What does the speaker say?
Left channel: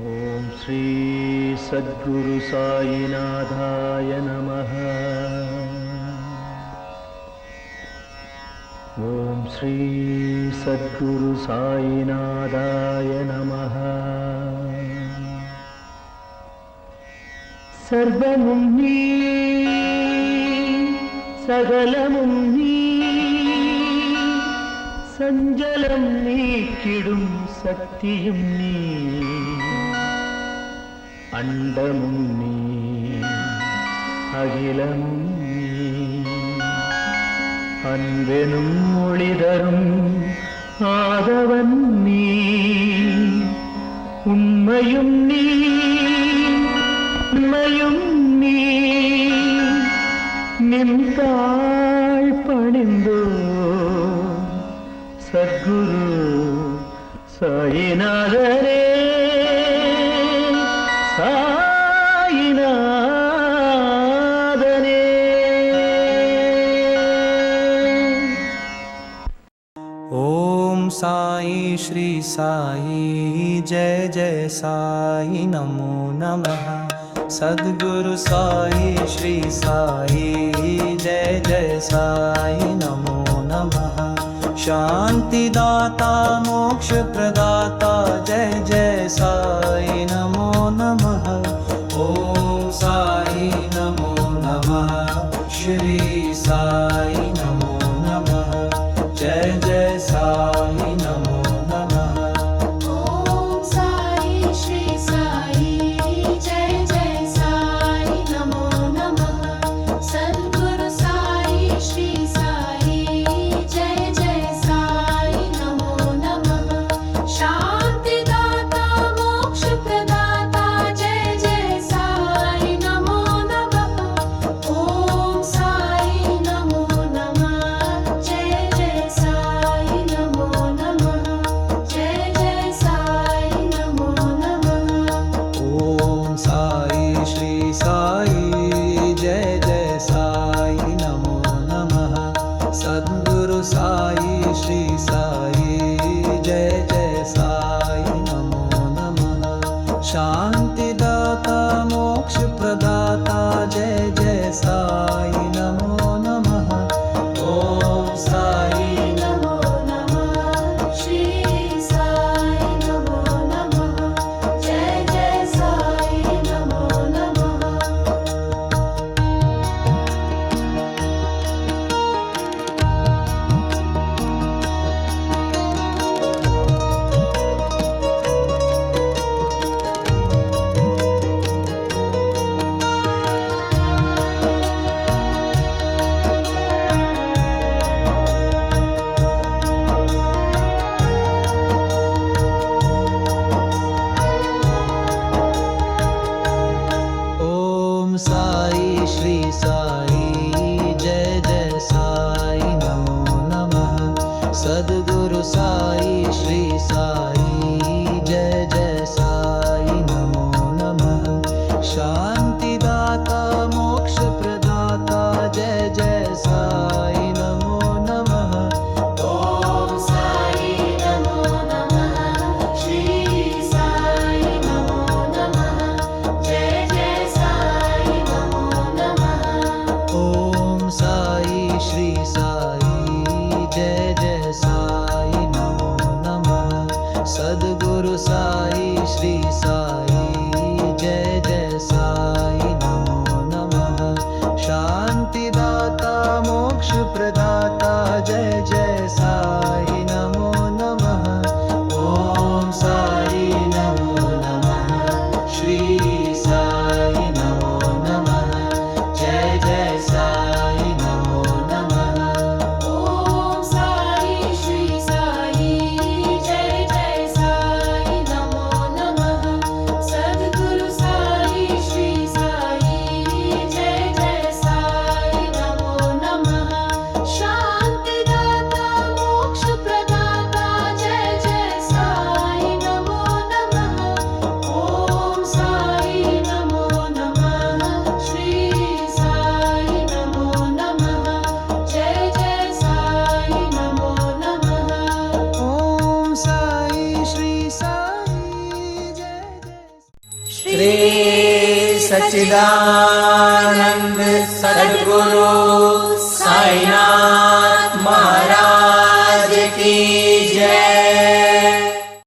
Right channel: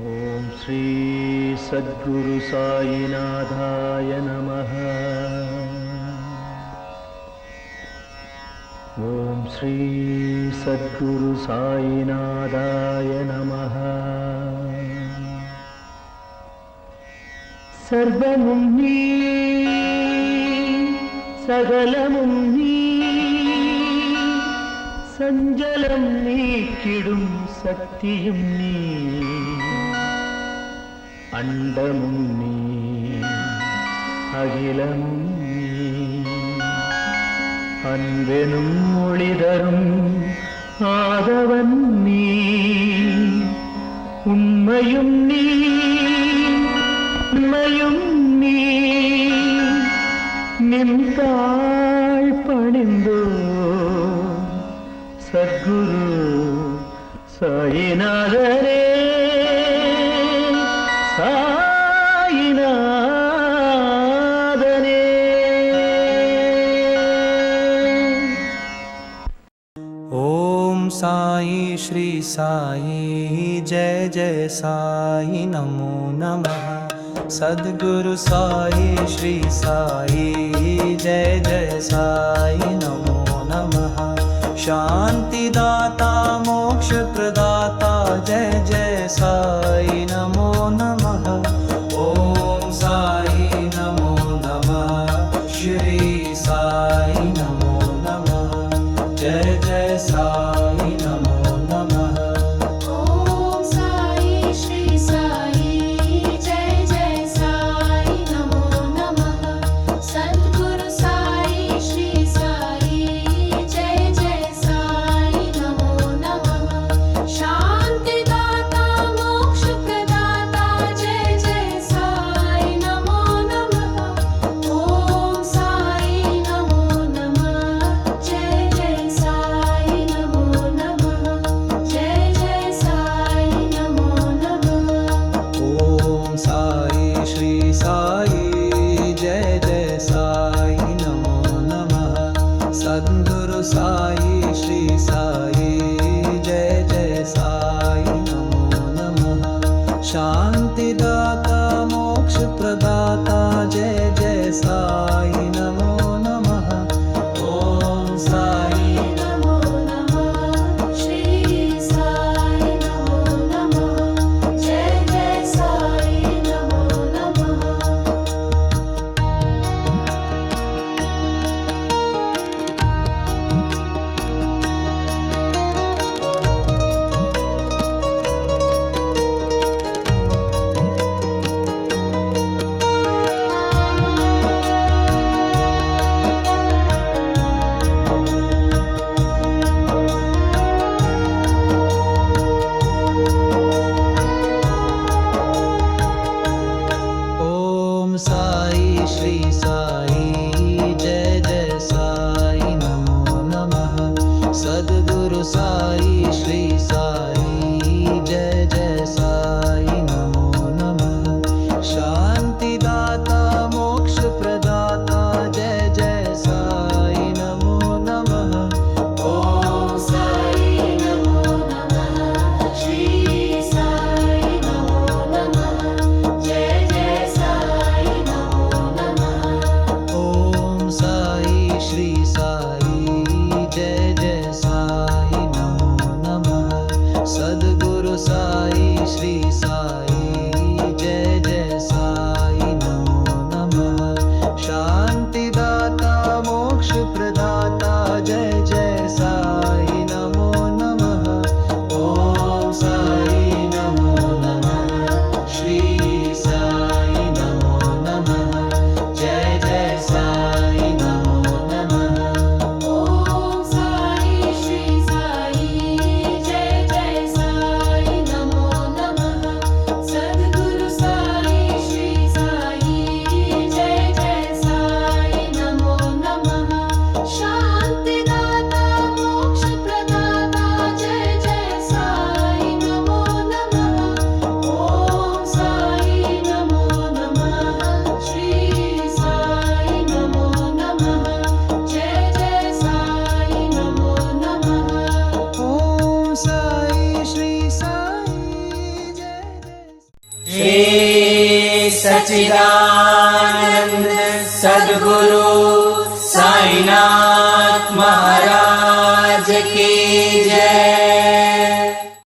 ओम श्री सद्गुरु साईनाथाय नमः। ओम श्री सद्गुरु साईनाथाय नमः। सर्वमुं नी सकलमुं नी सञ्जलं नीक्किडुं शक्तियुं नी अण्डमुं नी अखिलमुं नी अन्वेनुं मोळिदरुं आदवन् नी उण्मयुं नी उण्मयुं नी निन्ताळ் पणिन्दो सद्गुरु साईनाथरे साईनाथने। ओम साई श्री साई जय जय साई नमो नमः। सद्गुरु साई श्री साई जय जय साई नमो नमः। शांतिदाता मोक्ष प्रदाता जय जय साई नमो नमः। ओम साई नमो नमः। श्री साई नमो नमः। जय जय साई नमो नमः। ओम साई श्री साई जय जय साई नमो नमः। सद्गुरु साई श्री साई जय जय साई नमो नमः। शांतिदाता मोक्ष प्रदाता जय जय साई नमो नमः। ओम साई नमो नमः। जय जय साई नमो नमः। जय जय साई नमो नमः। ओम साई श्री साई जय जय साई नमो नमः। सद्गुरु साई श्री साई जय जय साई नमो नमः। शांतिदाता मोक्ष प्रदाता जय जय साई नमो नमः। ओम साई नमो नमः। श्री साई नमो नमः। जय जय साई नमो नमः। ओम साई श्री साई जय जय साई नमो नमः। सद्गुरु साई श्री साई जय जय साई नमो नमः। शांतिदाता मोक्ष प्रदाता जय जय साई नमो नमः। ओम साई नमो नमः। श्री साई नमो नमः। जय जय साई नमो नमः। ओम साई श्री साई जय जय साई नमो नमः। सद्गुरु साई श्री साई जय जय साई नमो नमः। शांतिदाता मोक्ष प्रदाता जय जय साई नमो नमः। ओम साई नमो नमः। श्री साई नमो नमः। जय जय साई नमो नमः। ओम साई श्री साई जय जय साई नमो नमः। सद्गुरु साई श्री साई जय जय साई नमो नमः। शांतिदाता सच्चिदानंद सद्गुरु साईनाथ